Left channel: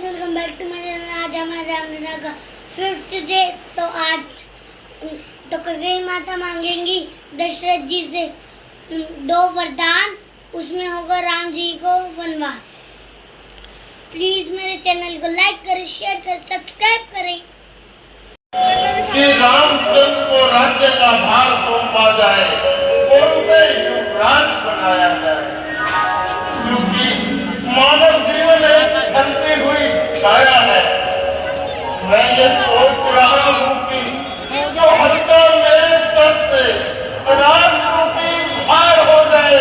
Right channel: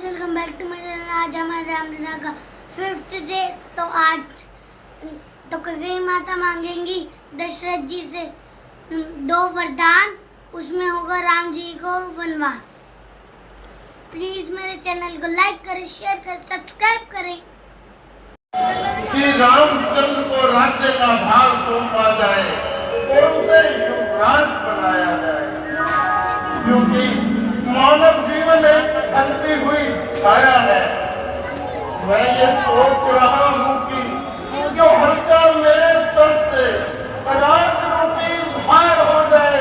Welcome back to my channel. आज हमारे रामलीला का 5th डे। तो आज तो कैकेयी माता मांगेंगी दशरथ जी से 2 वरदान, उसमें होगा राम जी को वनवास। प्लीज मेरे चैनल को लाइक करें, शेयर करें, सब्सक्राइब करें कि रामचंद्र को राज्य का भार सौंपा जाए और उसे युवराज बनाया जाए, क्योंकि मानव जीवन एक बनती हुई छाया है। मैं ये सोच रहा हूँ कि जो हल्का मेरे सर से राज रूपी भार हो जाए,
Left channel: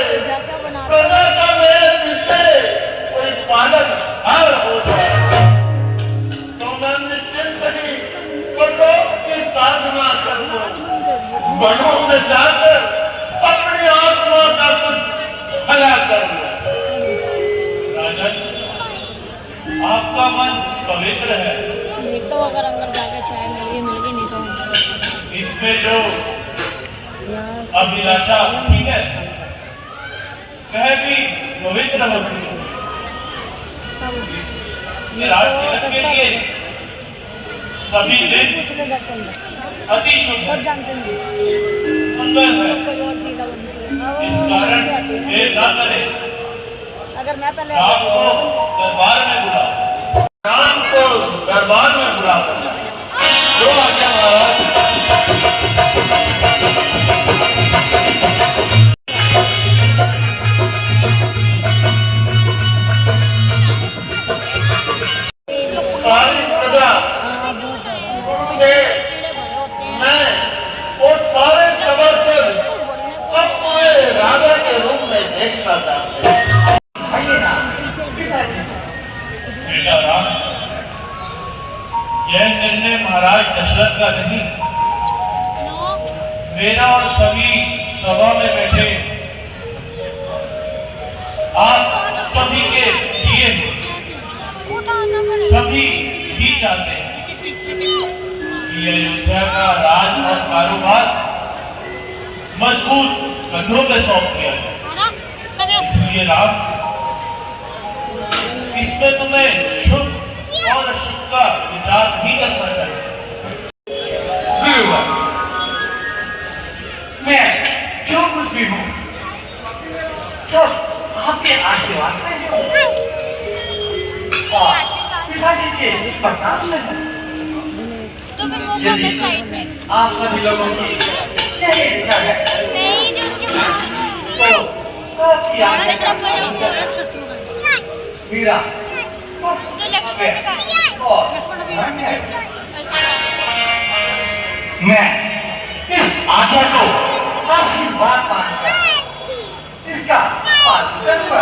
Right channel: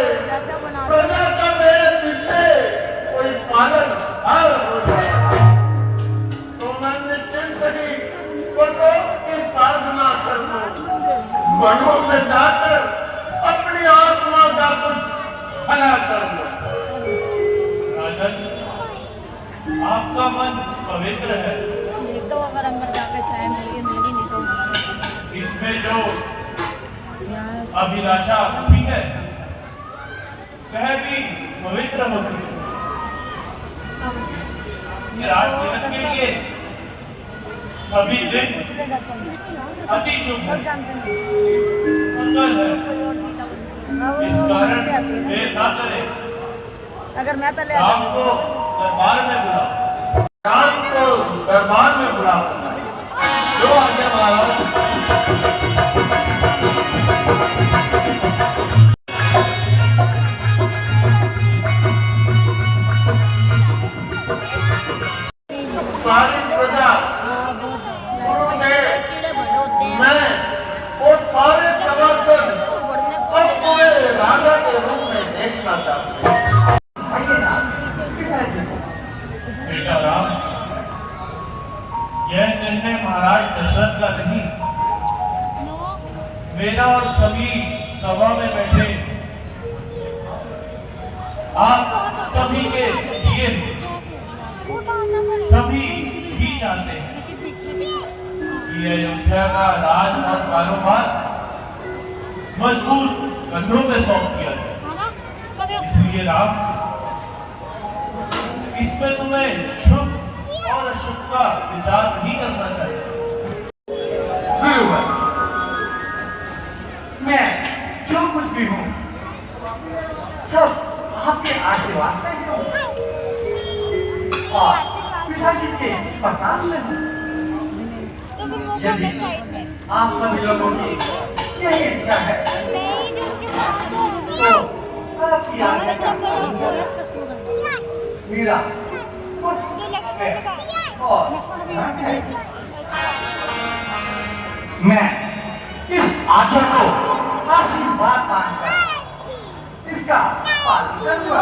प्रजा का मेरे पीछे कोई पालन हार हो जाए, तो मैं निश्चिंत ही परलोक की साधना कर दूं, वनों में जाकर अपनी आत्मा का कुछ भला कर दूं। आपका मन पवित्र है। तो अगर अंदर जाके चाय मिलेगी नहीं तो इसमें जो अभिलाषा होती है वह भी पवित्र होती है। राज तिलक के लिए सभी दिन अति शुभ सुंदर है। इस कारण देर ना करें, अगर मैं पहले राम को दरबार में बुला, राम को दरबार में बुला जो आज्ञा महाराज। सारी प्रजा मैं और सारे सभासद अब पूरे राजा के रूप में देखना चाहते हैं। बेटा राम, यह निर्णय महाराज दशरथ का नहीं, मेरा और सभी सभा में बैठे आप सभी के लिए सभी ही चाहते हैं कि यह अयोध्या का राज और कारोबार मजबूत कंधों में सौंप दिया जाए। इसलिए राम, इसमें तुम्हें शुभ और अशुभ का विचार नहीं करना चाहिए। मैं जो कुछ भी हूँ सब आपके आशीर्वाद से हूँ। पिताजी के प्रताप से हूँ। तो फिर वो बोलते साइड में आप सभी लोगों की यही इच्छा है नहीं जो उसके पास तो आपकी आज्ञा मीरा तो लक्ष्मण का और मैं इस आज्ञा को आशीर्वाद मानकर इसका पालन करूंगा।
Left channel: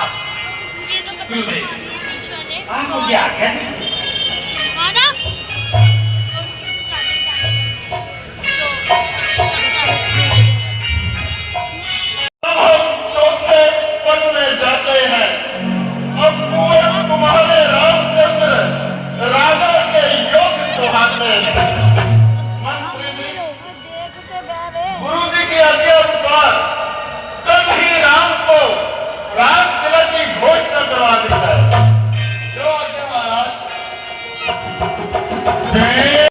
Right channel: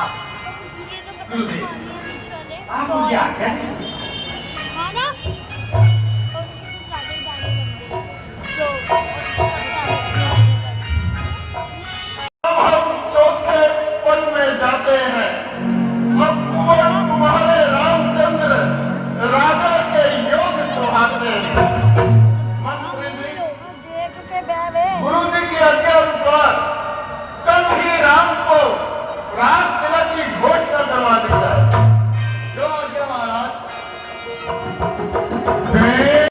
आप ये तो क्यों नहीं? बीच वाले आप मुझे आज्ञा दीजिए। माना उनकी ज्यादा चौथे पद में जाते हैं। अब तुम्हारे रामचंद्र राजा के योग सुहाते हैं। मंत्री जी, गुरु जी की आज्ञा अनुसार कल ही राम को राज तिलक की घोषणा करवा दी जाए। जो आज्ञा महाराज। जय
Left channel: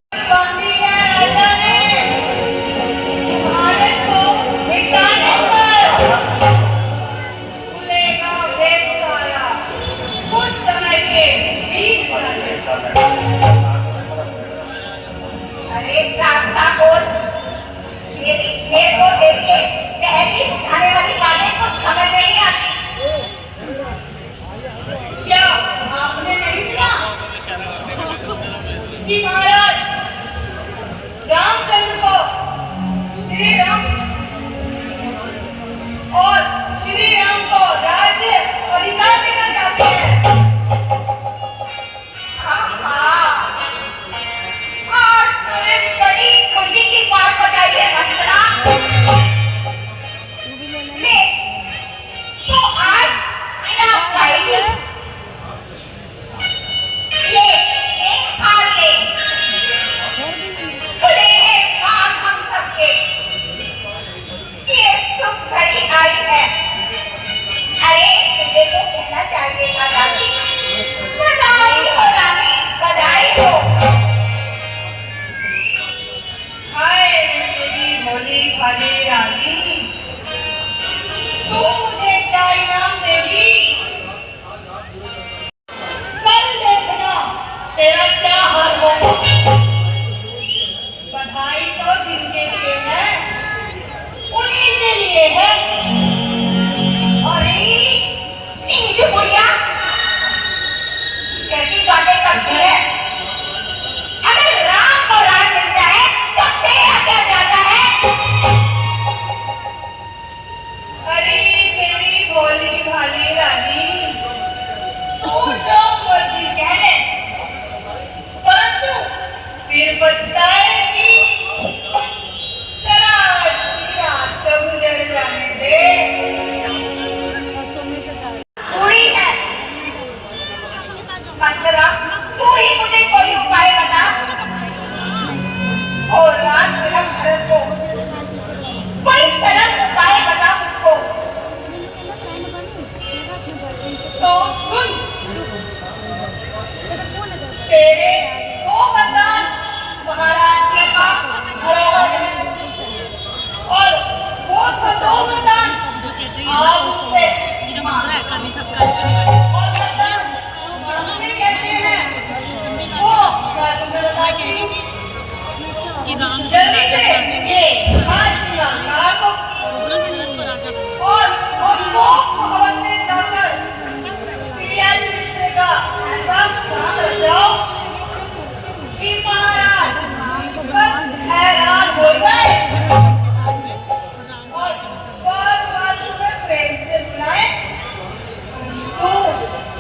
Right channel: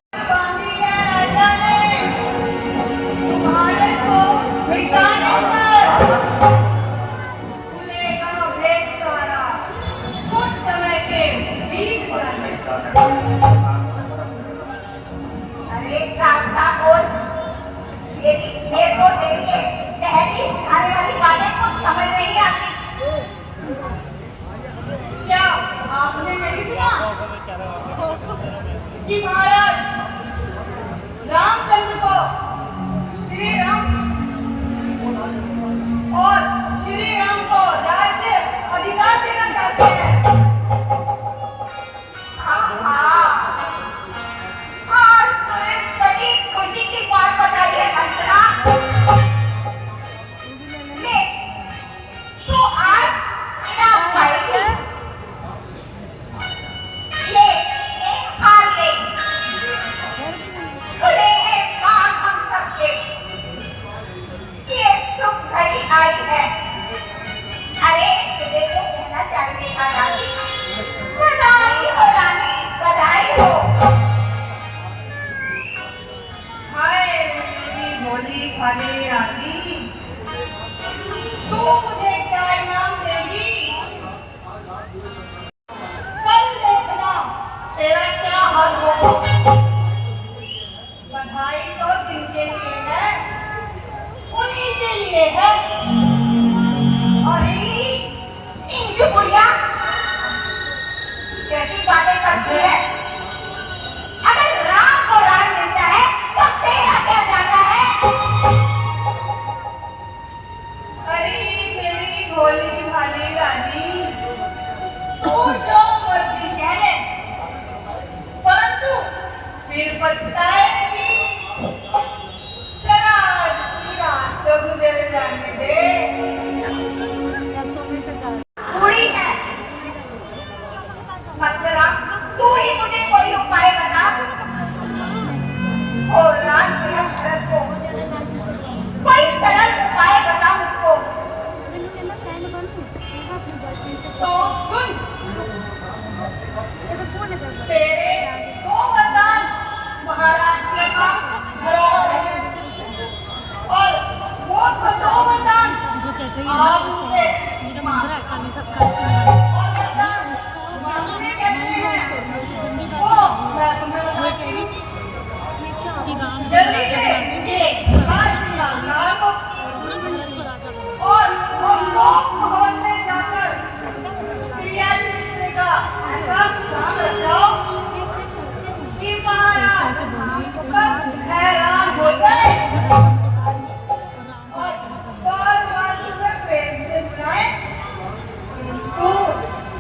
अरे ठाकुर, देखो देखिए, पहली उठाने वाली बातें कुछ समझ नहीं आती। क्या आपने नहीं सुना कि महाराज रामचंद्र को श्री राम और श्री राम को राज्य अधिकार देना चाहते हैं। और बड़ी खुशी की बात बताई है। ले पछताएगी। जरा आधी रात तो गुजर जाने दे। पूरी है मतलब तू ही मुझे कोई उपाय बता और रात मेरा घर को कोई सरल उपाय बता मुझको। तो सुन तेरे दो वरदान महाराज के पास धरोहर है और वो तो दो वरदान जो कहते हैं आज उससे मेरा मंदिर है काली का काली और वरदान मांगने कहते हैं वो जादूगर वो कह रही थी कि राम जल्दी से ये आज का रात को राजा बनो। और वो भगवान ने जाकर प्रिया जी का ऐसा काम रचाओ कि महाराज बस हैरान हो गए और बार-बार तुम्हें प्रेम से बुलाए। तू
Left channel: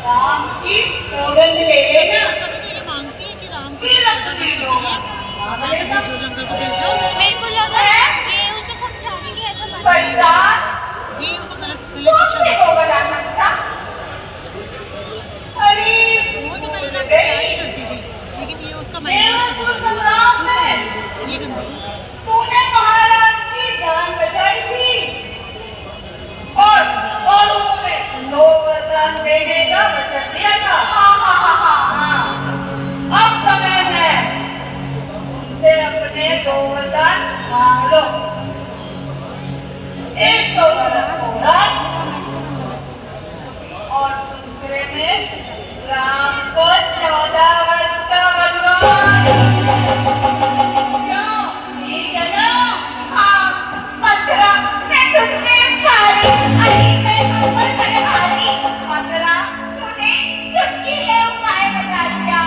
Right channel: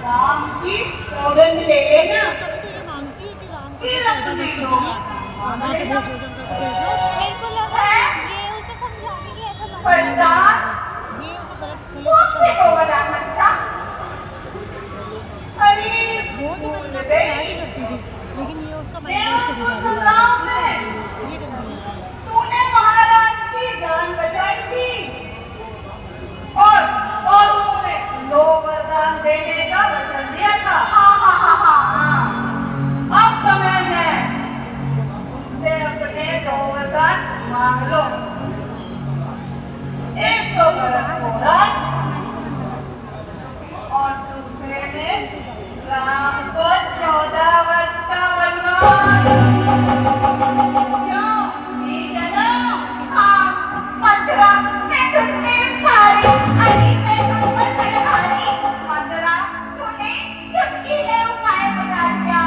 राम की सौगंध ले लेना तो ये मांगती है कि राम को कि रख दी लो मैं तुम्हें जो जंगल को भेजा मेरे को लगा ये उसे समझाने की ऐसा मत पैसा ये उसे गलत तू शिक्षा नहीं होगा जानता। अरे वो तो पहले ना तैयारी करती थी लेकिन ये उसका माइंड देवर उसके को सलाम में ये गंदी है। तूने महाराज की जान बचाई थी और उन्होंने 9 वरदान देने का वचन दिया था। हाँ। अब समय है से अपने 2 वरदान मांग लो। एक तो वरदान राज और दूसरे में राम को 14 वर्ष का वनवास। क्यों? ठीक है ना? हाँ, 15 मैं तुझसे सारी अरे मैं तुझ पर पटकारी 15 तूने चुटकी है उपाय बता दिया।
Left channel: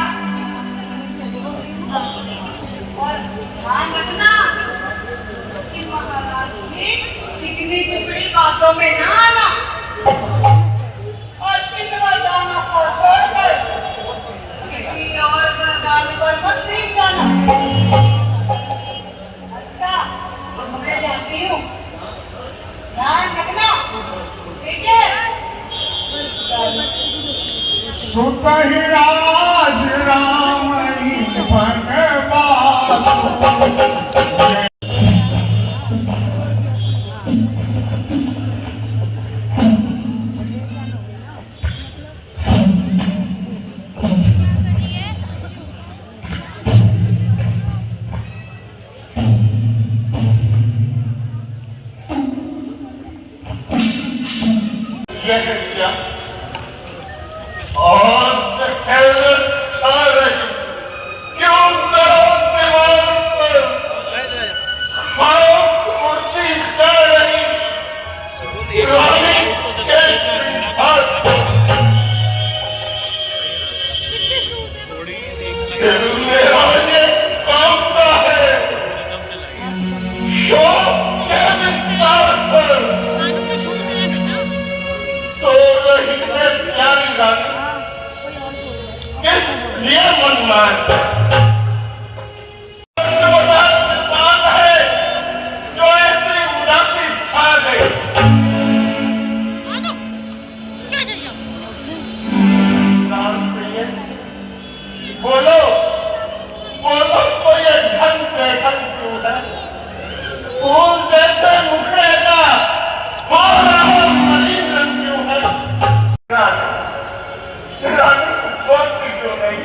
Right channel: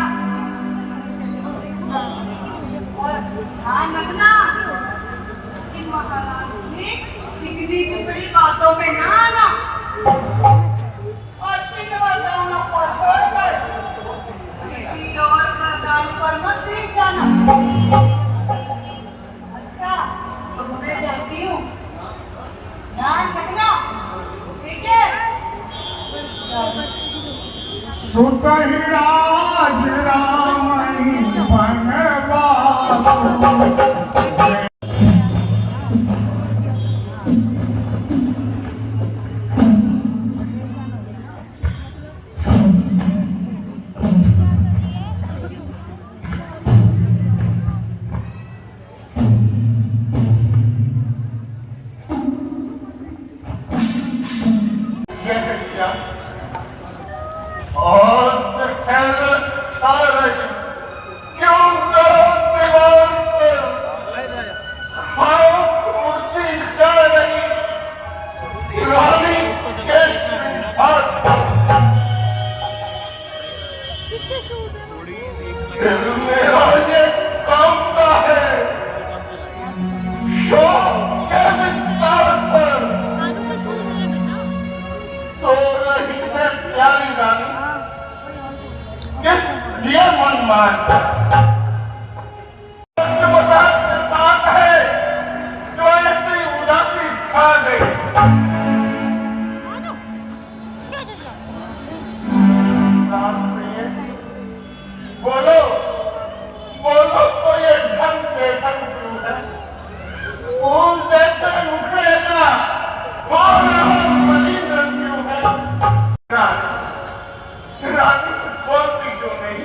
और ध्यान रखना कि महाराज की चिकनी चिपड़ी बातों में ना आना और इन वरदानों को छोड़कर किसी और वरदान पर मत भीग जाना। अच्छा, अब मैं जाती हूँ। ध्यान रखना, ठीक है? सुत ही राज राम ही बनवास। यह क्या और हैरत छा रही क्यों दरों दीवार पर खाक उड़ती जा रही पुरानी केसरी हाथ दिल मेरा ये कामना है शौक के विस्तार पर सो रही है प्यारी रानी किस लिए मन मारता बात है जो ऐसी उदासी छा गई। राम प्रिय बोलो बोलो तो ये ढंग बेढंग क्यों है? फूल जैसे मुखड़े का मलिन रंग क्यों है? रानी कुछ बोलती क्यों नहीं?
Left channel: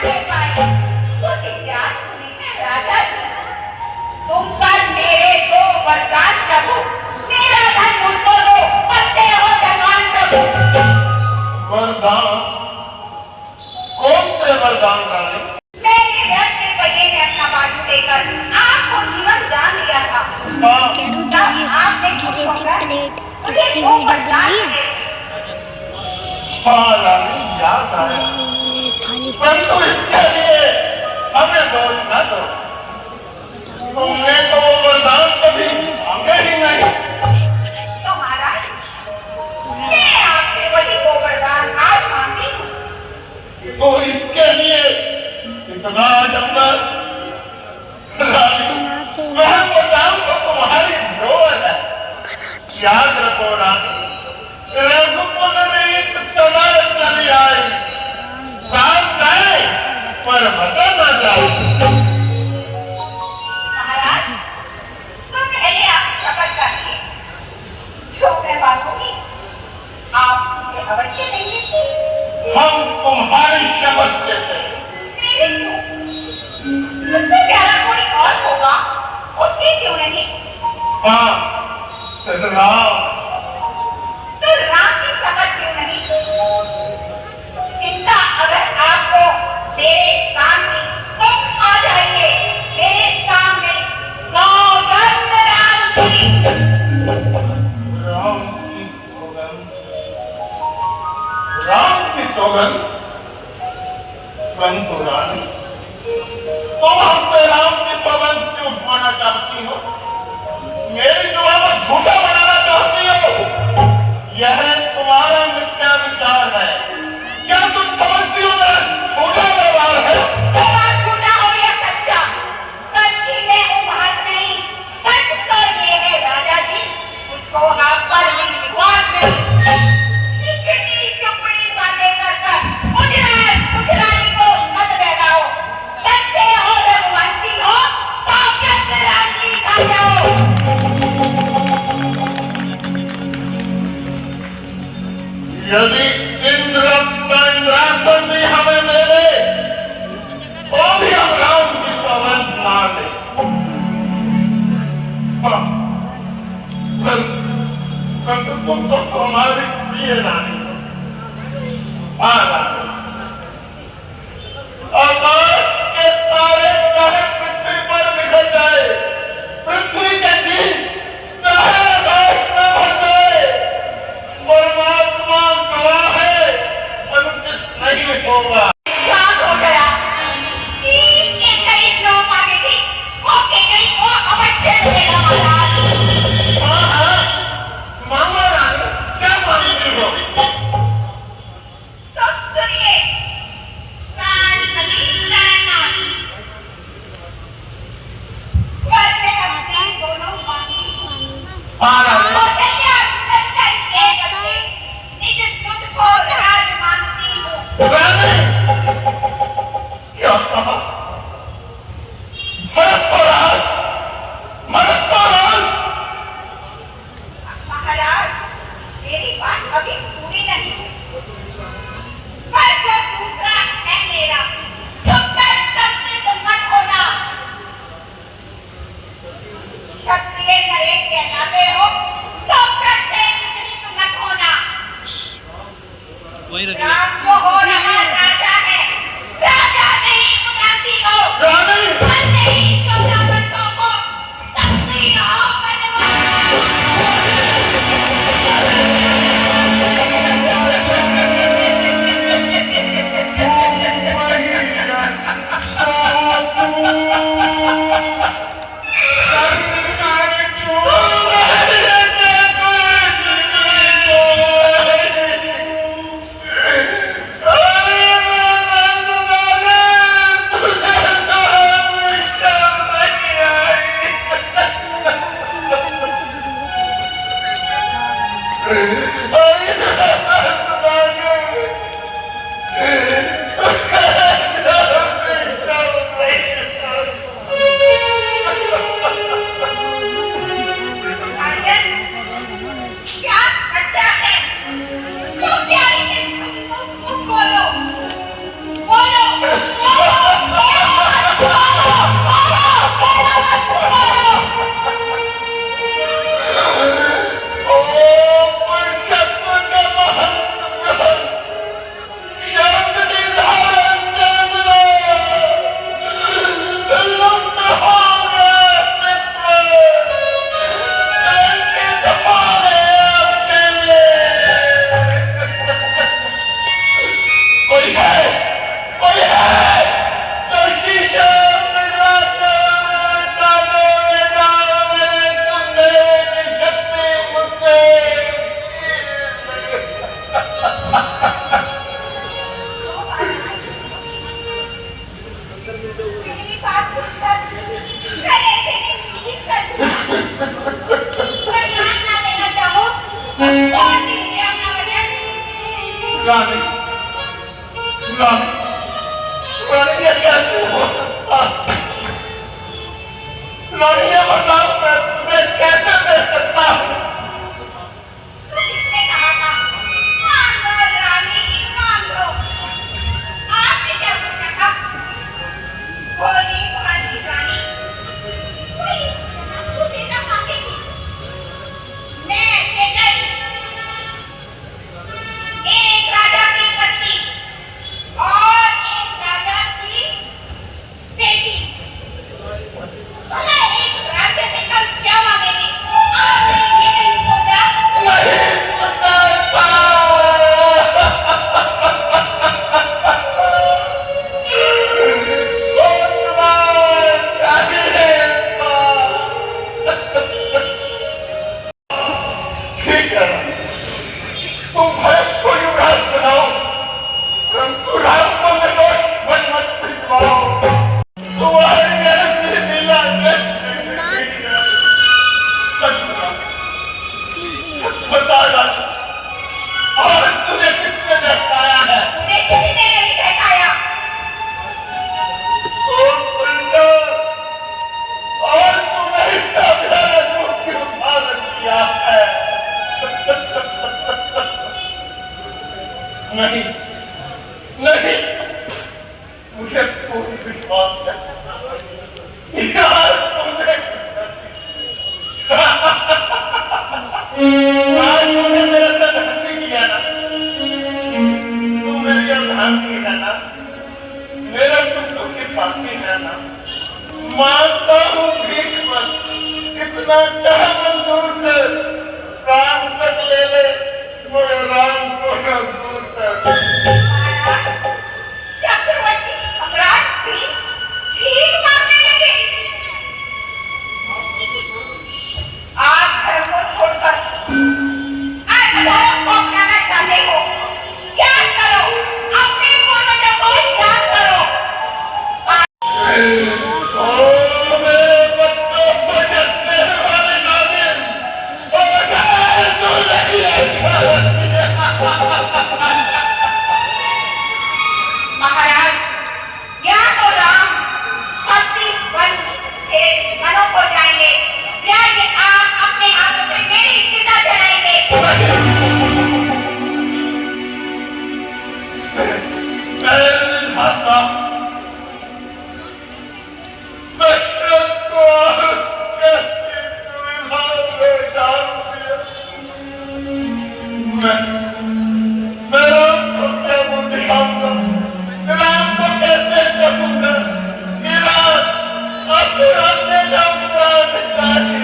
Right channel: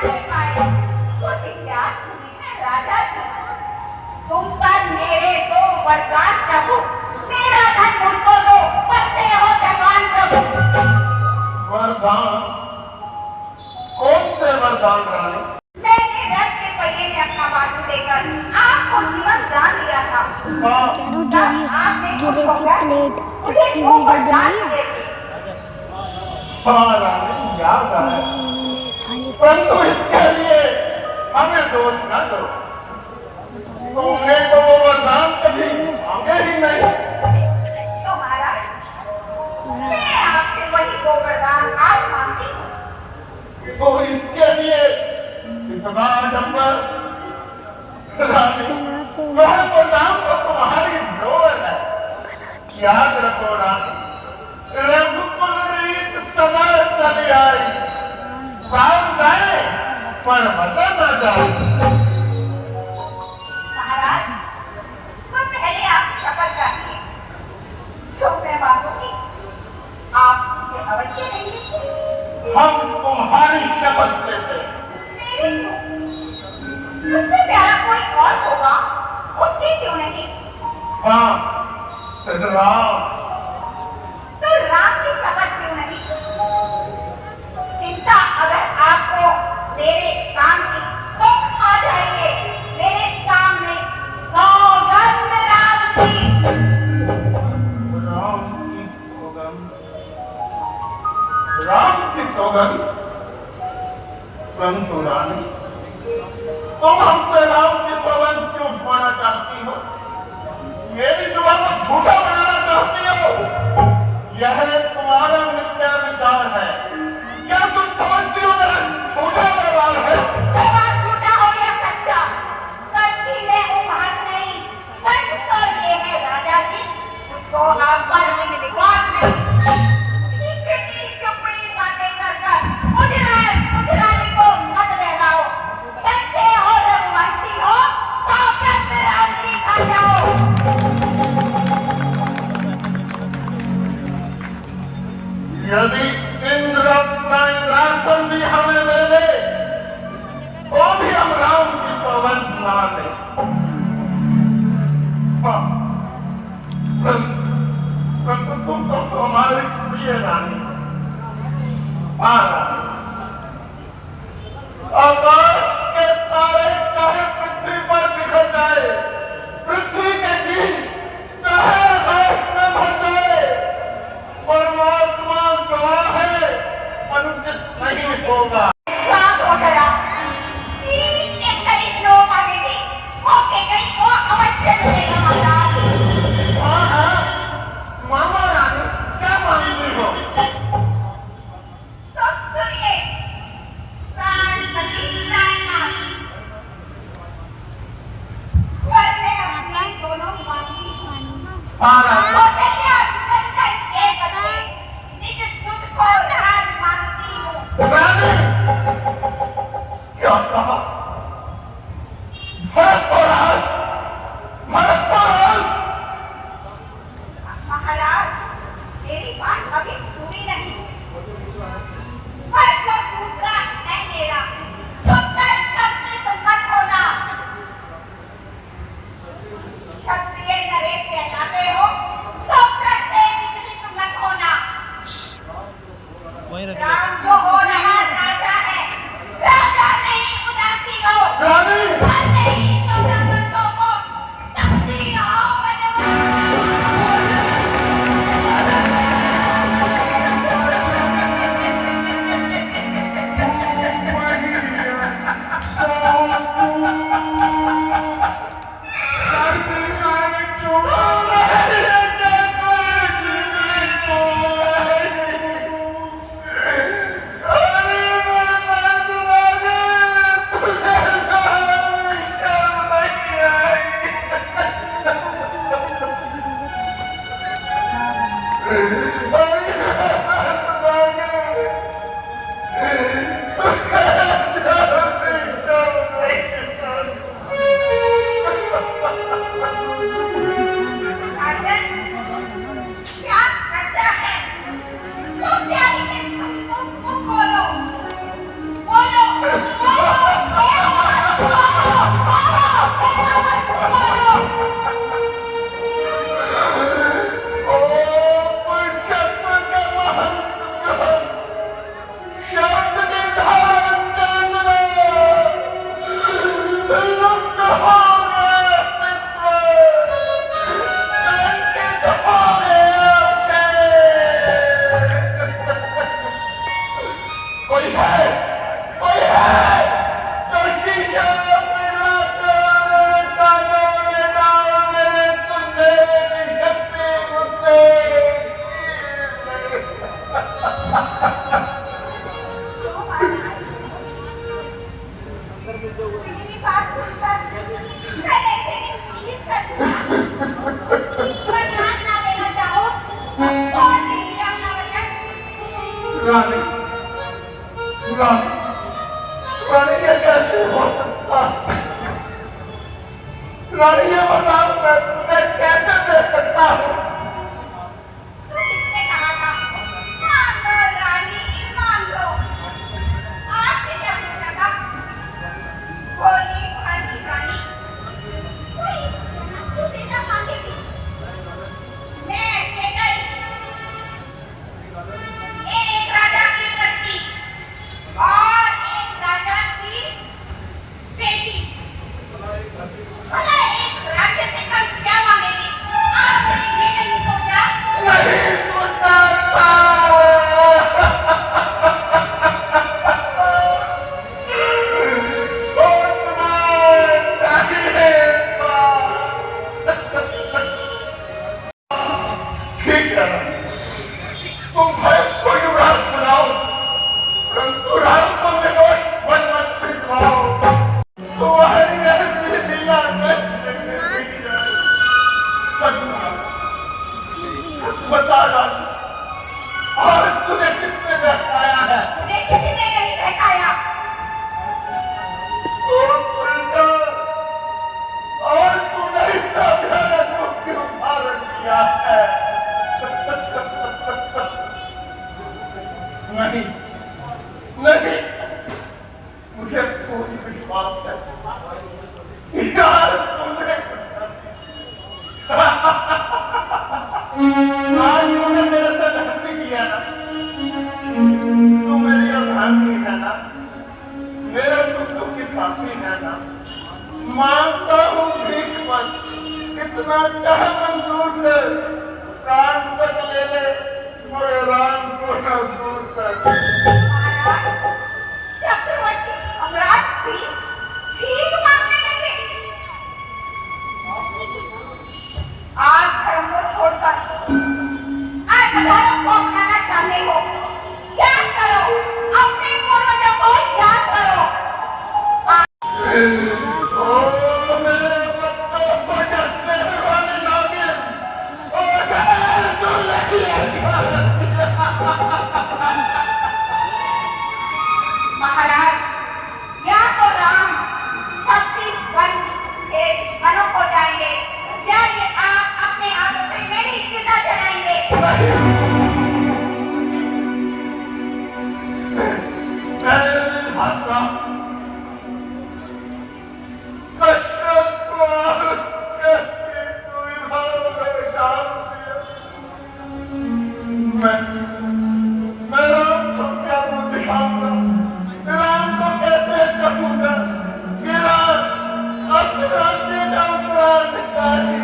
दे पाए। कुछ ज्ञान हुई है राजा जी। तुम पर मेरे दो वरदान प्रभु, मेरा धनुष तोड़ो, करते हो जवान प्रभु। वरदान? कौन से वरदान रानी? मैंने रथ के पहिए में अपना बाजू देकर आपको जीवन दान दिया था। हाँ, कह रही आपने गिरे थी प्लेट, इसकी वीडियो बनाई है हाँ रानी, याद आया। उन्होंने थाली परंतु इसके लिए हमें दोष न दो। तुमने तो वो वरदान कभी मांगे ही नहीं। तो महाराज, मैं आपसे वही दो वरदान आज मांगी हूँ। तो इसके लिए इतना जंगल रानी, बनाते तो ना वरदान तो तुम्हारी जोर है। याद रखो रानी, रघुकुल रीत सदा चली आई, गाँव जाए पर बचा न जाए। महाराज, तो पहले आप शपथ करिए, जो मैं मांगूंगी आप मुझे अवश्य देंगे। हम तुम्हारी शपथ लेते हैं। मेरी क्यों? मुझसे प्यारा कोई और होगा, उसकी क्यों नहीं? हाँ, राम। तो राम की शपथ क्यों नहीं? चिंता अगर आपको मेरे काम की, तो आ जाइए मेरे सामने। सौगंध राम की। राम की सौगंध, राम की सौगंध। परंतु रानी, तुम हमसे राम की सौगंध क्यों उठवाना चाहती हो? मेरी जुबान को झूठा बनाना चाहती हो? यह तुम्हारा मिथ्या विचार है। क्या तुम समझती हो मेरा झूठा व्यवहार है? व्यवहार झूठा हो या सच्चा, कभी मैं उपहास नहीं। सच तो ये है राजा जी, मुझको आप पर विश्वास नहीं। चिकनी चुपड़ी बातें कर मुजरानी को मत बहलाओ। सच्चे हो, रघुवंशी हो, सौगंध राम की खा जाओ। यदि इंद्र का इंद्रासन भी हमें दे दे, तो भी हम राम की सौगंध ना दे। हाँ, परंतु तुम तो हमारी प्रिय रानी हो। हाँ रानी, आकाश के तारे चाहे पृथ्वी पर बिखर जाए, पृथ्वी के दिन चाहे आकाश में भर जाए, परमात्मा गवाह है, अनुचित नहीं होगा। साथ हो गया। तीन के करीब लोग आगे थे, मौके करीब वो अवश्य मिलेगा महाराज। हाँ, हाँ, मामा रानी, क्या मानेंगी हो? तो सुनिए, प्राणपति प्राणनाथ, वर में अपनी दोनों मांगी। हाँ रानी, कौशल्या अंतर एक अपने निज सुध को राज मांगती हूँ। रानी, क्या कहा? भरत को राज, भरत को राज। महाराज, मेरी बात कभी पूरी नहीं। पर जो दूसरा है मेरा, सो कर सबसे तुम मत होना। क्षत्रिय नरेश कहलाते हो, तो फिर से विचलित मत होना। राम जो हो रहा राजा है, राजा नहीं मेरी बात सुनकर मैं ऐसे में प्लीज सच वरदान ना देना चाहो और दीजिए अपना वचन। रानी रानी रानी ये कैसे हो सकता है? रानी ये बताओ मैं तुम्हें कैसे दे सकता हूँ? किसने कहा था मान लो रानी मान लो। आपने क्या सोचा था भोली भाली रानी कोई छुट्टी न मांगेगी। मैं केकई एक राजा की पत्नी और एक राजा की बेटी भला एक राज्य से कम क्या मांगेगी? आपने ये नहीं सोचा? नहीं सोचा था। सोचना चाहिए था। ठीक है तुम भरत को युवराज बनाओ परंतु राम को निर्दोष वन मत भिजवाओ। तुम्हारी ऐसी लीला सच बता रानी और तूने किसने बहकाया है? मुझे किसी ने नहीं बहकाया। और उल्टा और तूने इतना भयानक रूप क्यों धारण किया है? नहीं नहीं मुझे पूर्ण विश्वास है यार तुमने कुछ ऐसी आज तुमने मेरे से हंसी किया ना तू मेरी अवधानी है ना मेरे सुख दुख की साथी है ना मांगता हूँ भीख मत इतना कह मंजूर कर प्राण तक ले ले मेरे राम को न दूर कर। चक्रवर्ती सम्राट भी भीख मांगने लगे। आज धर्म को छोड़कर आज धर्म को अपनाना चाहते हो? याद करो अपने पूर्वजों को याद करो। ओ मेरे बच्चों को जैसे वाले नागिन और तू नहीं महाराज या तो राम पक्षी वन के वनों को जाएंगे या ये आप अपने हाथों से मेरी चिता जलाएंगे। मेरे हाथा दशरथ को कैसी दुविधा में डाल दिया। मैं राम को क्या दिखाऊंगा राम को कैसे कहूंगा मेरा अब राज्य का उत्तराधिकारी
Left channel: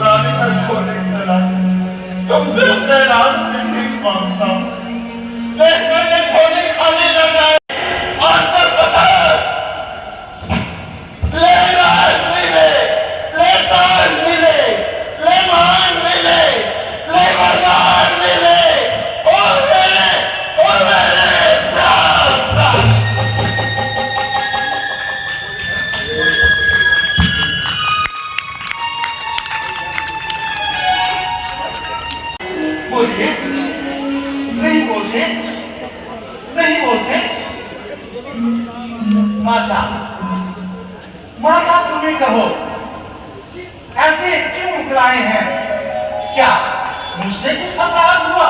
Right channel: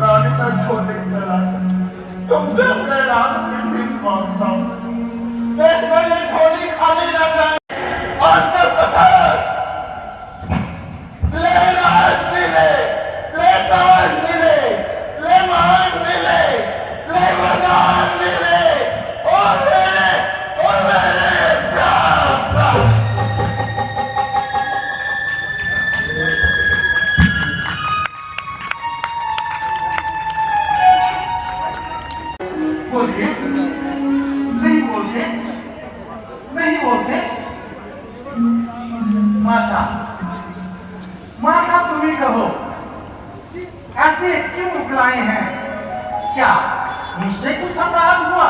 रानी मैं छोटे करा तुमसे अपने राम से भीख मांगता हूँ देखो ये छोटी खाली लगा आंसर पसंद ले राज मिले ले ताज मिले ले मान मिले ले वरदान मिले और मेरे प्राण बोलिए नहीं बोलते नहीं बोलते। माता माता तुम्हें कहो ऐसे क्यों मुकलाए हैं? क्या मुझसे कुछ अपराध हुआ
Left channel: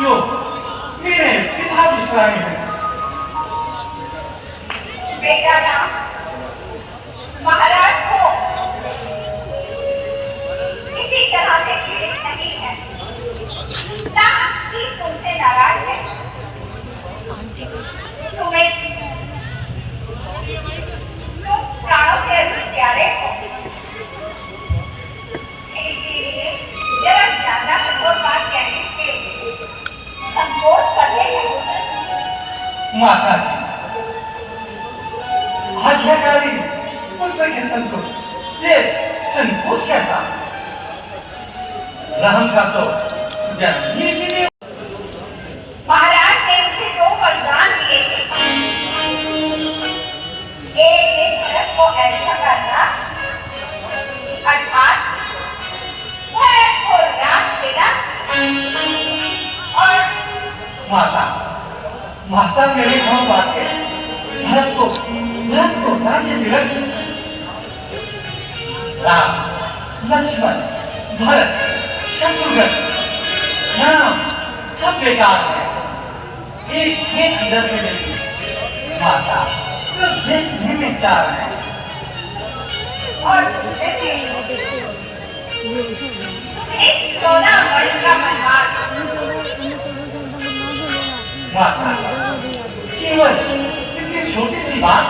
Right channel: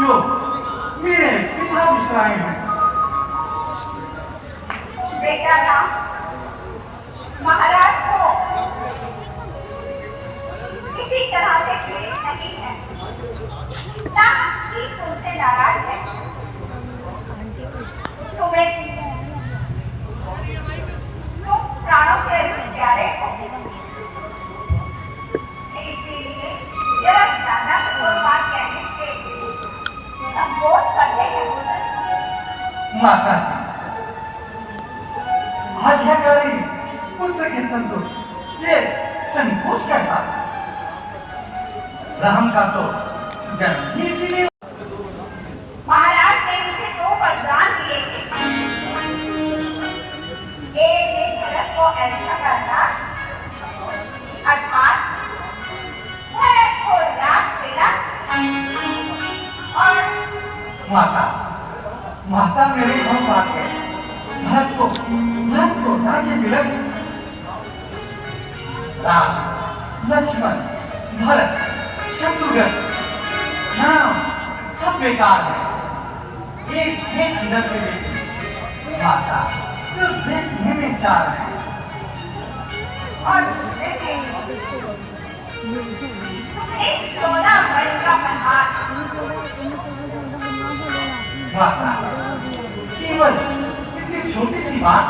जो मेरे पिता मुस्कुराए हैं? बेटा राम महाराज को किसी तरह से द्वेष नहीं है ना ही तुमसे नाराज है। तुम्हें तुम प्राणों से अधिक प्यारे हो इसीलिए जरा ज्यादा कठोर बात कहने से संकोच कर लेते हो। माता जी आज्ञाकारी पुत्र के संतोष ये संकोच कैसा? राम का तो जन्म ही इसीलिए माता माता मेरी हम बात है भरत को राज्य दिवस राम लक्ष्मण भरत शत्रुघ्न राम सब बेकार है एक ही अंदर से देखिए माता जो देखने में चाह रहे हैं और देखिए इस 16 वर्ष का मनमार माता केवल इतनी छोटी सी बात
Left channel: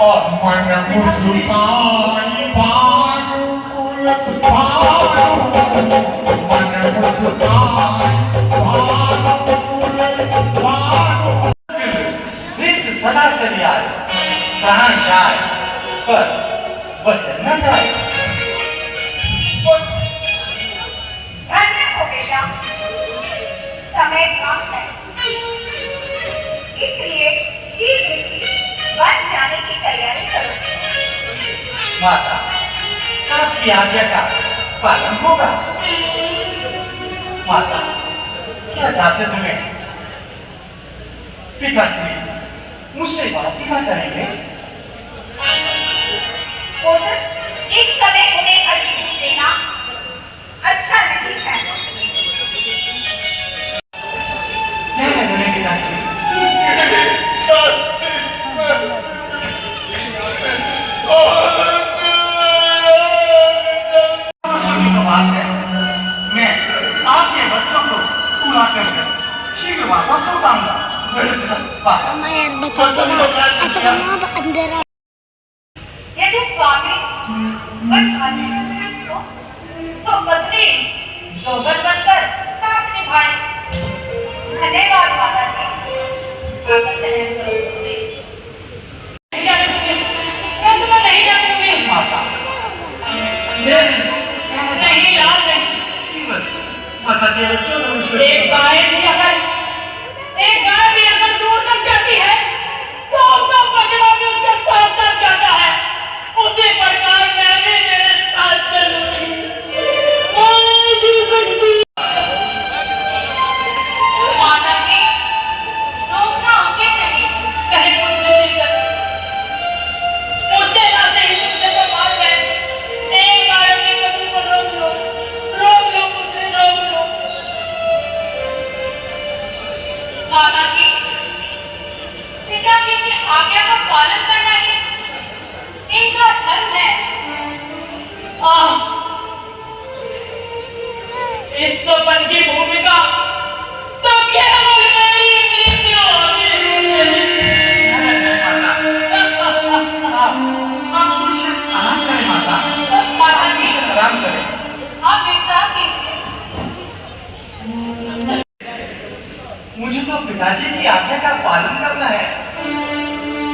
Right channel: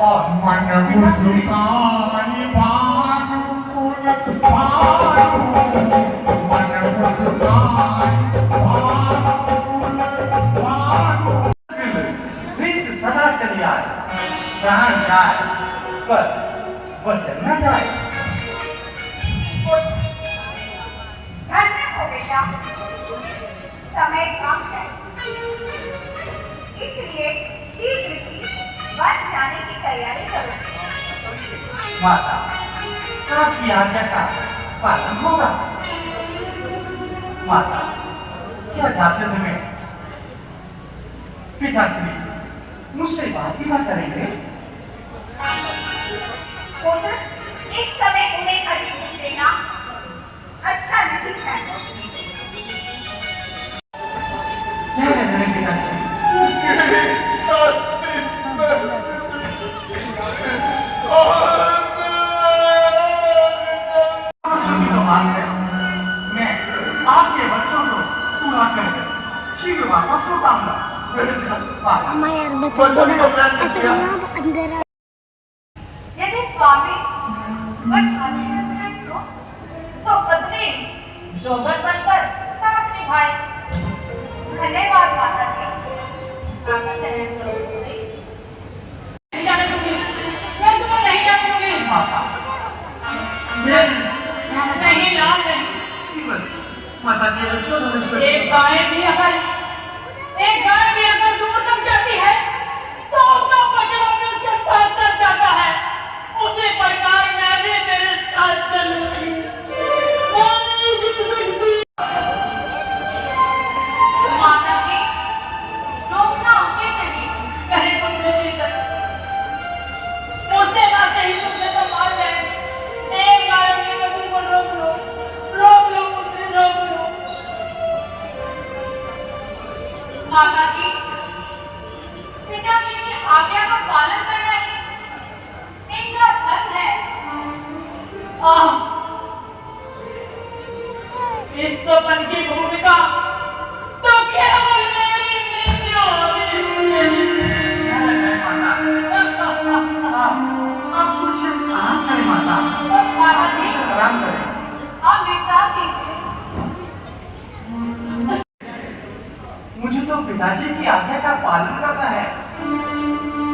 और मन मुस्काई भानु कुल भानु मन मुस्काई भानु कुल भानु नित्य सदा चली आए कहाँ जाए पर वचन न जाए धन्य हो बेटा समय कम है इसलिए शीघ्र ही बन जाने की तैयारी करो माता आपकी आज्ञा का पालन होगा माता क्या चाहते तुम्हें पिताश्री मुझसे बात ही ना करेंगे पुत्र इस समय उन्हें अधिक देना अच्छा नहीं है क्या करेंगे पिताश्री खुशी की बात है मैं आपके बच्चों को पूरा कर शीघ्र वापस लौटाऊंगा अम्मा यार बता देना ऐसा करना अब अंदर आ यदि स्वामी तो पत्नी दोगर बनकर साथ निभाए धन्यवाद माता जी मैं तुम्हें नहीं जानूंगी माता नहीं याद नहीं माता के बच्चों को एक गाय भी अगर दूर तक जाती है तो उसका बछड़ा भी उसके साथ साथ जाता है उसी प्रकार मैं भी तेरे साथ चलूंगी माता जी रोकना उचित नहीं कहीं मुझसे ना सही तुमसे तो मान जाए एक बार में मुझे रोक लो मुझसे रोक लो माता जी पिता की आज्ञा का पालन करना ही इनका धर्म है इस स्वपन की भूमिका तो केवल मेरी मृत्यु माता जी आराम करें आप विश्राम कीजिए मुझे तो पिताजी की आज्ञा का पालन करना है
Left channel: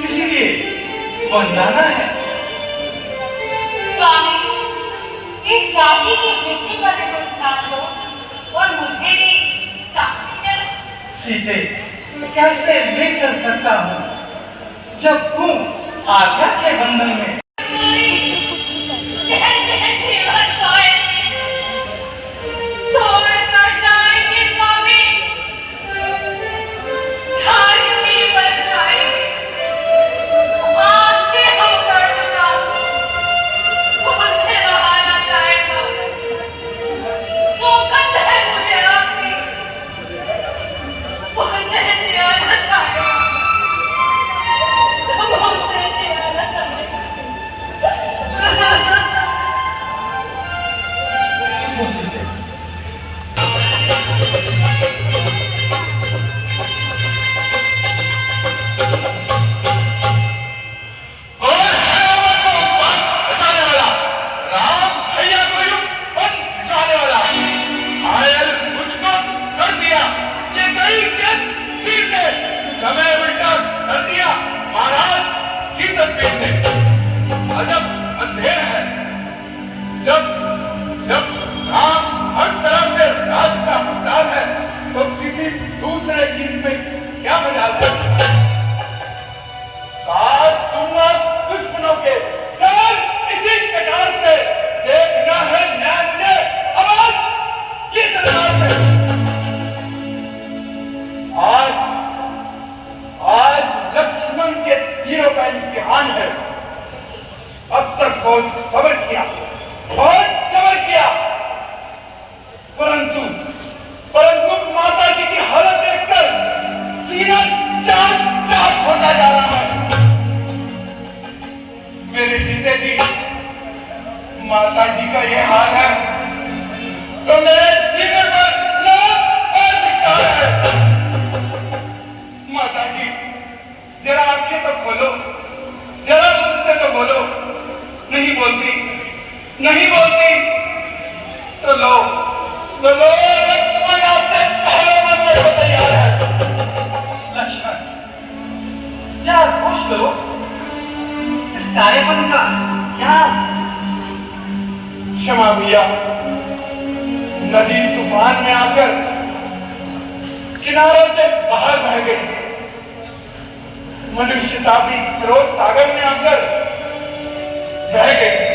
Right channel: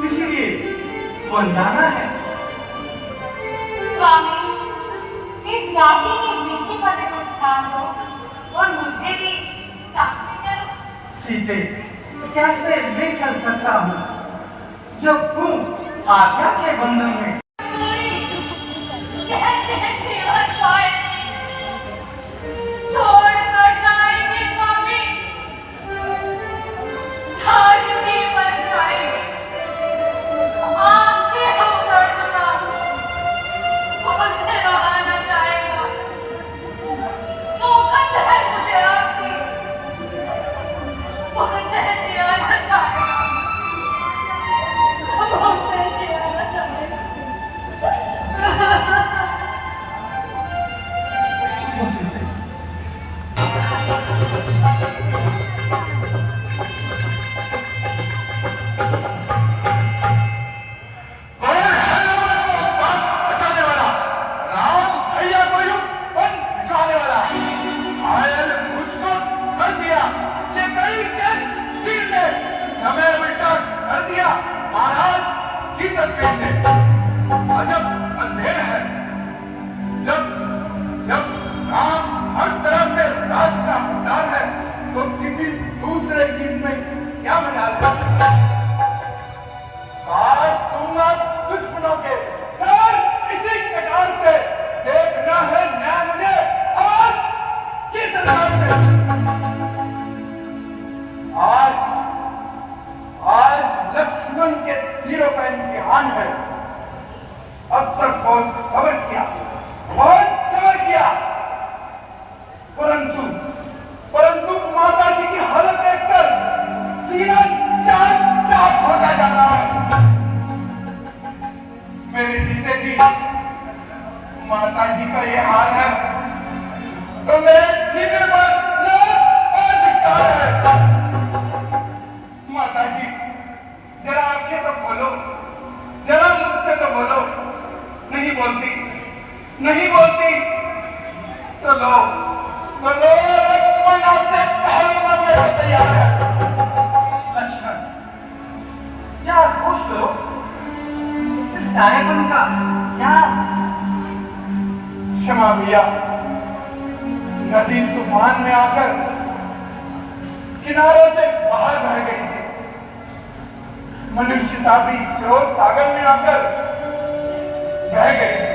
इसीलिए बन जाना है स्वामी इस दासी की मृत्यु पर भी कुछ ध्यान दो और मुझे भी साथ चलो सीधे कैसे ले चल सकता हूँ जब तुम आज्ञा के बंधन में छोड़कर जाएंगे स्वामी धरती बन जाएंगे आपसे होकर मुझे रहा न जाएगा मुकद्दर है मुझे आपकी मुझे जिया न जाएगा मुझे जिया न जाएगा समय उल्टा कर दिया महाराज की तस्वीर ने अजब अंधेर है जब जब राम हर तरफ से राज का हकदार है तो किसी नहीं बोलती तो लो लक्ष्मण आपसे पहले मरने को तैयार है। लक्ष्मण जरा पूछ लो इस तारेपन का क्या? क्षमा भैया, नदी तूफान में आकर किनारे से बाहर बह गई। मनुष्यता भी क्रोध सागर में आकर बह गई।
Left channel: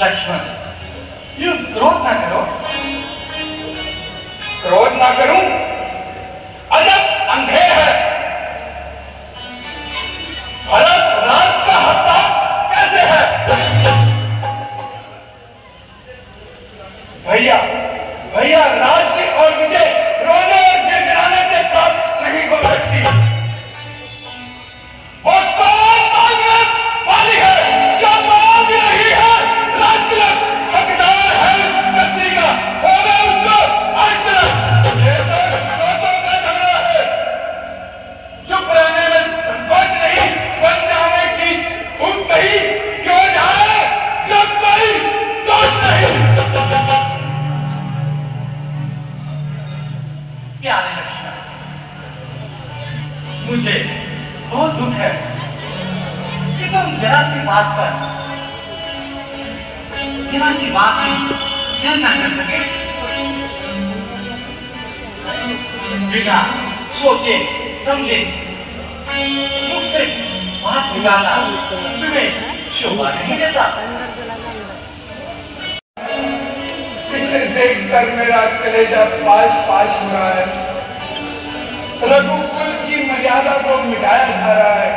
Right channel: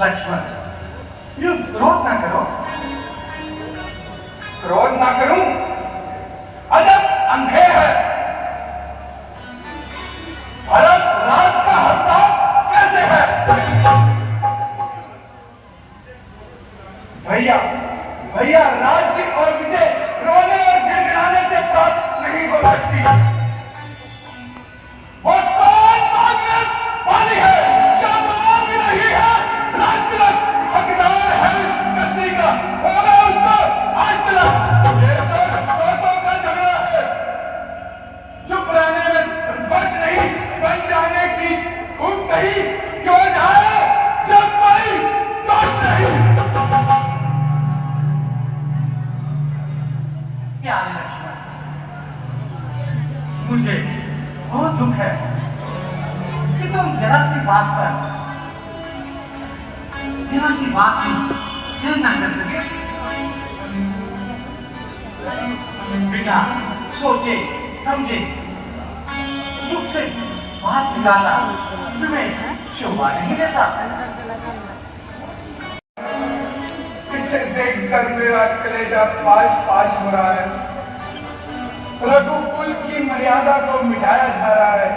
लक्ष्मण यू क्रोध ना करो। क्रोध ना करूं? अजब अंधेर है। भारत राज का हकदार कैसे है? भैया राज्य और विजय रोने और गिड़गिड़ाने से प्राप्त नहीं हो सकती। वो पानी है जो मां भी नहीं है। लाख तिलक हकदार है उस गद्दी का, होगा उसको आज तिलक। ये तो बातों का झगड़ा है। चुप रहने में संकोच नहीं, बन जाने की खूब कही क्यों जाए जब कोई दोष नहीं। प्यारे लक्ष्मण, मुझे बहुत दुख है कि तुम जरा सी बात पर जरा सी बात की सहन न कर सके। बेटा सोचे समझे मुझसे बात निकालना तुम्हें शोभा नहीं देता। इसे देखकर मेरा कलेजा पास पास हो रहा है। रघुकुल की मर्यादा को मिटाया जा रहा है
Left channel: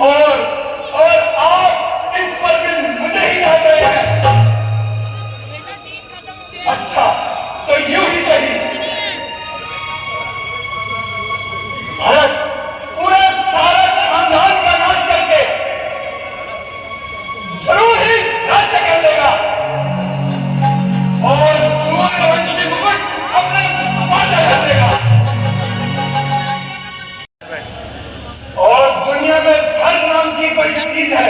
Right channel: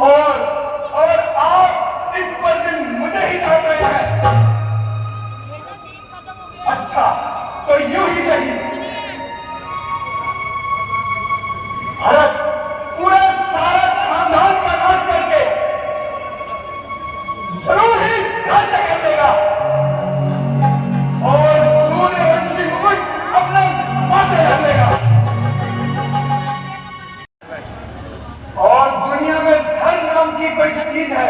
और आप इस पर भी मुझे ही डालते हैं। अच्छा तो यूं ही सही। भारत पूरे सारे खानदान का नाश करके जरूर ही राज्य कर देगा और सूर्यवंशी मुकुट अपने माथे रख देगा। और दुनिया में धर्म नाम की कोई चीज है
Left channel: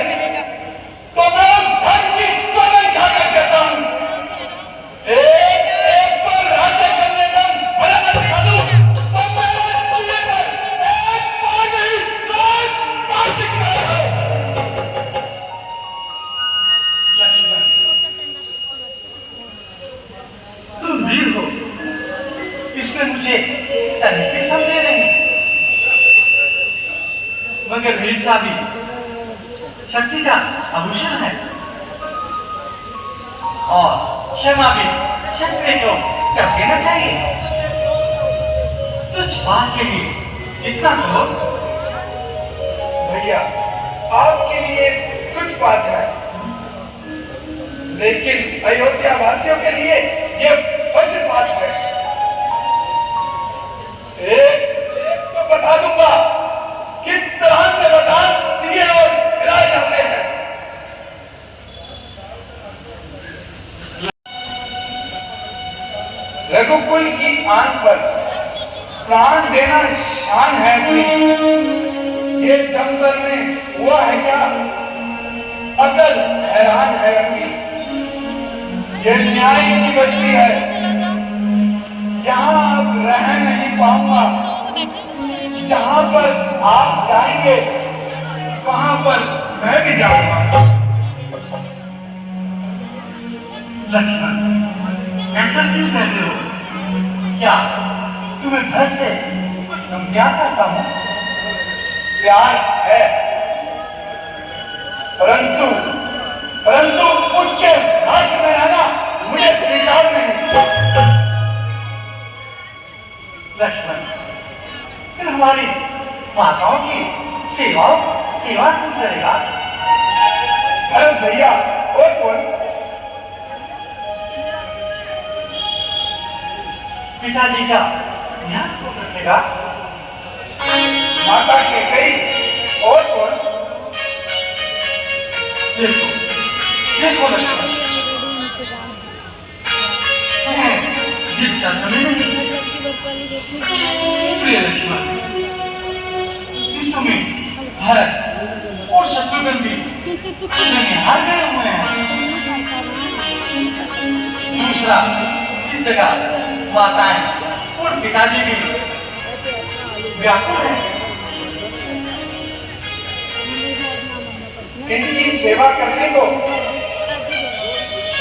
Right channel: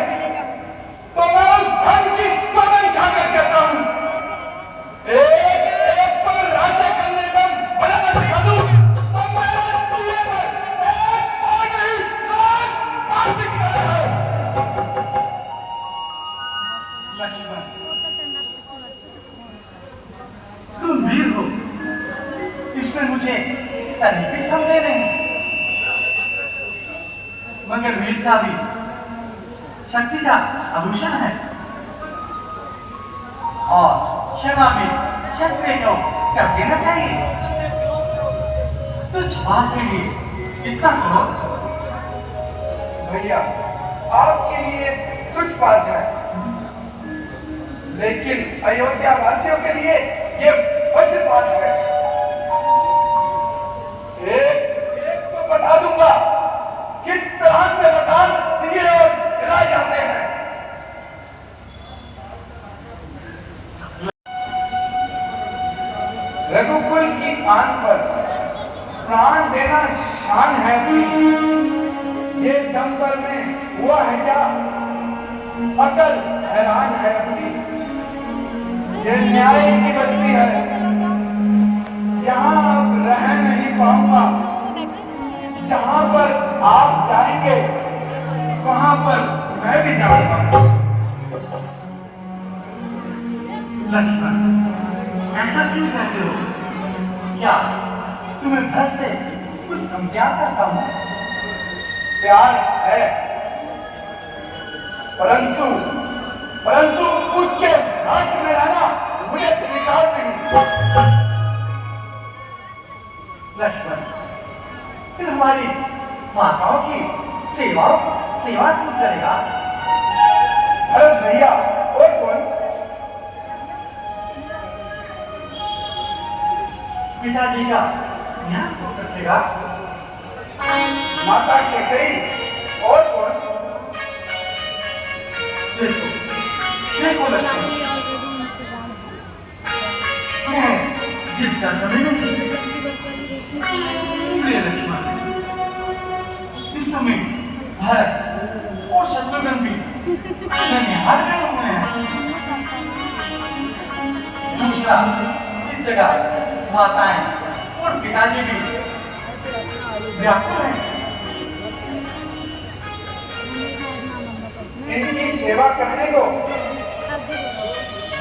तो मैं उस धर्म की सोने खाकर कहता हूं। एक पर राज्य करने का बड़ा दिखा दूं तो मेरे चूल्हे पर एक पार्टी राज पार्टी का है। तुम वीर हो, इसमें मुझे तनिक संदेह नहीं, मगर वीरता भी शक्ति का आभूषण है और क्षमा भी क्षत्रिय को कर देना चाहिए। तुझ बात के लिए इतना क्रोध? भैया आपके लिए कुछ बात है, लेकिन अयोध्या वासियों के लिए ये वज्र बात है। एक तो बता दूंगा किस तरह से वरदान दिए और दिलाए जाते हैं। रघुकुल की आन पर प्राण देना शान है अपनी। ये दंगल में हुआ है क्या? अकल हैरान है अपनी। ये न्याय की बस्ती है, यहाँ अब रह नहीं पाऊंगा। जहाँ पर आप जाएंगे वहाँ पर मैं भी जाऊंगा। लक्ष्मण ऐसा क्यों कहते हो? क्या तुम्हें घर से कुछ कम प्यार करता हूँ? प्यार है, परंतु उसके राज्य में रहना मुझे स्वीकार नहीं। लक्ष्मण फिर हमारी माताओं की सेवा कौन करेगा? भरत भैया और कौन? पिताजी का ध्यान कौन रखेगा? माता के कई और कौन? देखो लक्ष्मण, तुम्हें प्रिय लक्ष्मण, इस समय भरत और शत्रुघ्न भी ननिहाल गए हुए हैं। दूसरा, इस जगह माताएं और पिताजी भी व्याकुल हैं। इनकी सेवा करने को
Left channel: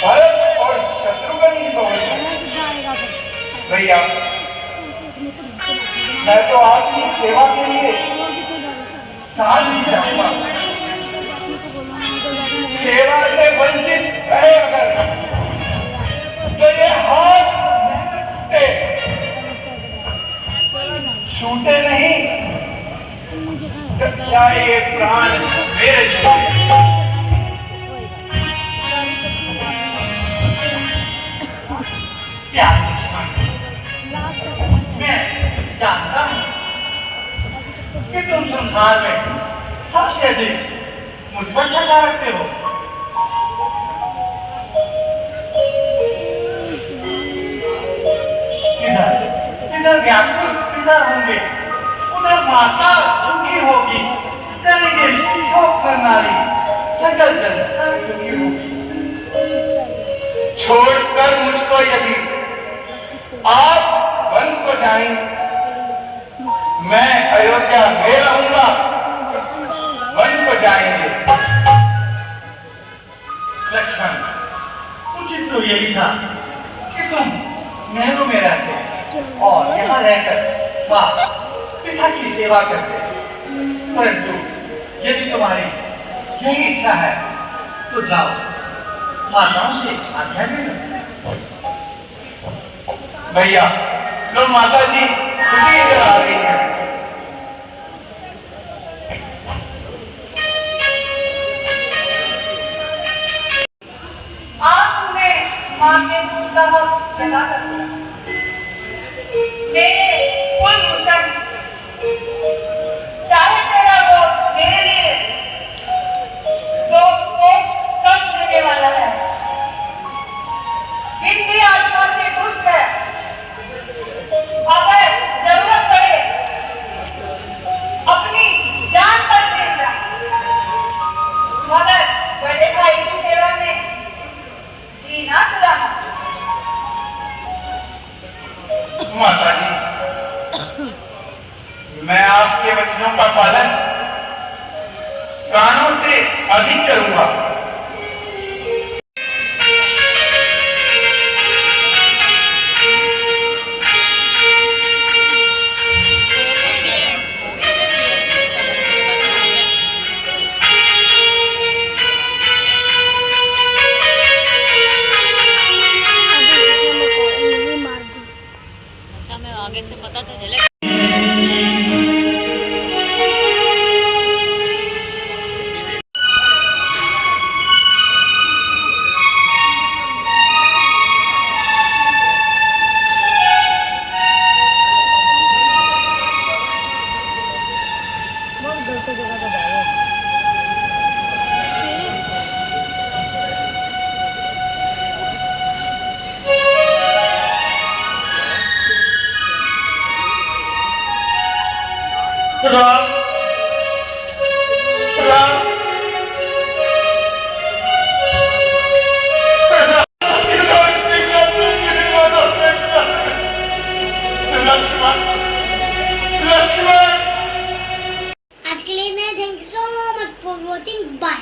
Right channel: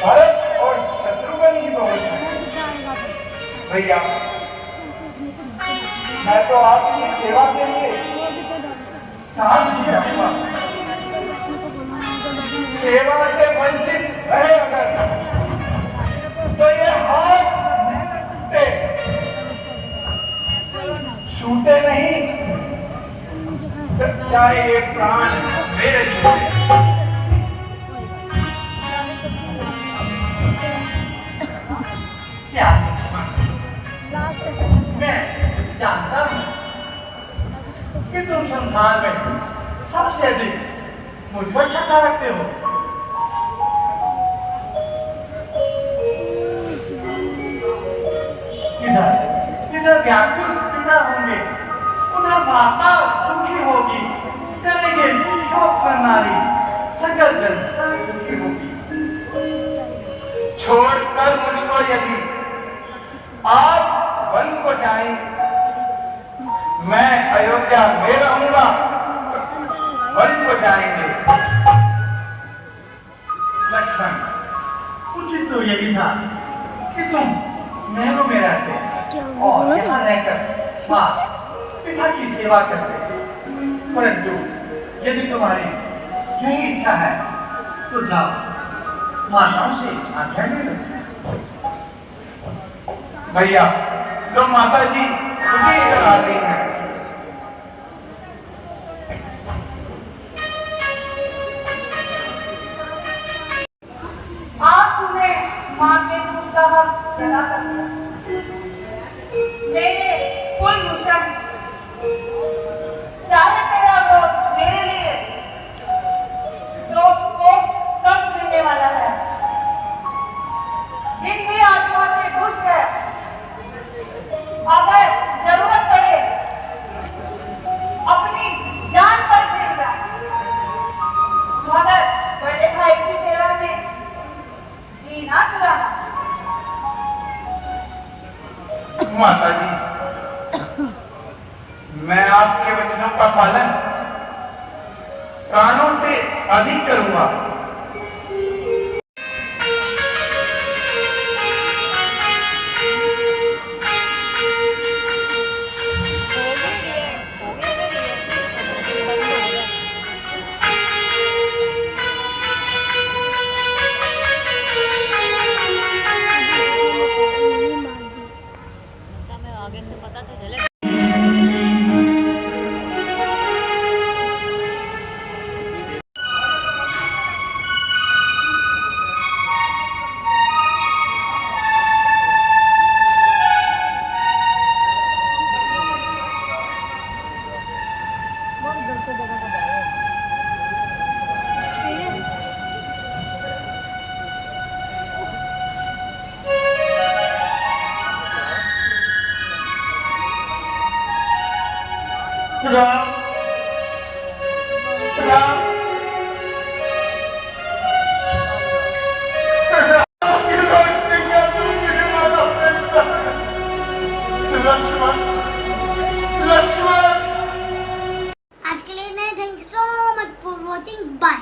भरत और शत्रुघ्न ही बहुत है। भैया, मैं तो आपकी सेवा के लिए साथ ही जाऊंगा। सेवा से वंचित रहे अगर तो ये हाथ छूटे नहीं, तो चाहे ये प्राण मेरे छूटे। क्या मैं जानता हूं कि तुम संसार में सबसे अधिक मुझ पर शंका रखते हो। इधर व्याकुल पिता होंगे, उधर माता दुखी होगी, लेकिन भोग करनारी सकल जनता दुखी होगी। छोड़कर मुझको यदि आप वन को जाएंगे, मैं अयोध्या में रहूंगा, वन को जाएंगे। लक्ष्मण, उचित तो यही था कि तुम महलों में रहते और यहाँ रहकर स्वास्थ्य पिता की सेवा करते। परंतु यदि तुम्हारी यही इच्छा है तो जाओ, माताओं से आज्ञा ले लो। भैया, लो माता जी खुशी करा रही है। आज तुम्हें मां के दूध का हक लगा सकते हैं। मेरे कुलभूषण, चाहे तेरा वो मेरे लिए तो कष्ट देने वाला है। जिनकी आत्मा से दुष्ट है, अगर जरूरत पड़े अपनी जान पर दे जाए, मगर बड़े भाई की सेवा में जी ना चुराना। माता जी, मैं आपके वचनों का पालन कानों से अधिक करूंगा। हमें आगे से पता तो चले। राम राम लक्ष्मण लक्ष्मण आज के लिए नहीं, thank you so much for watching, bye.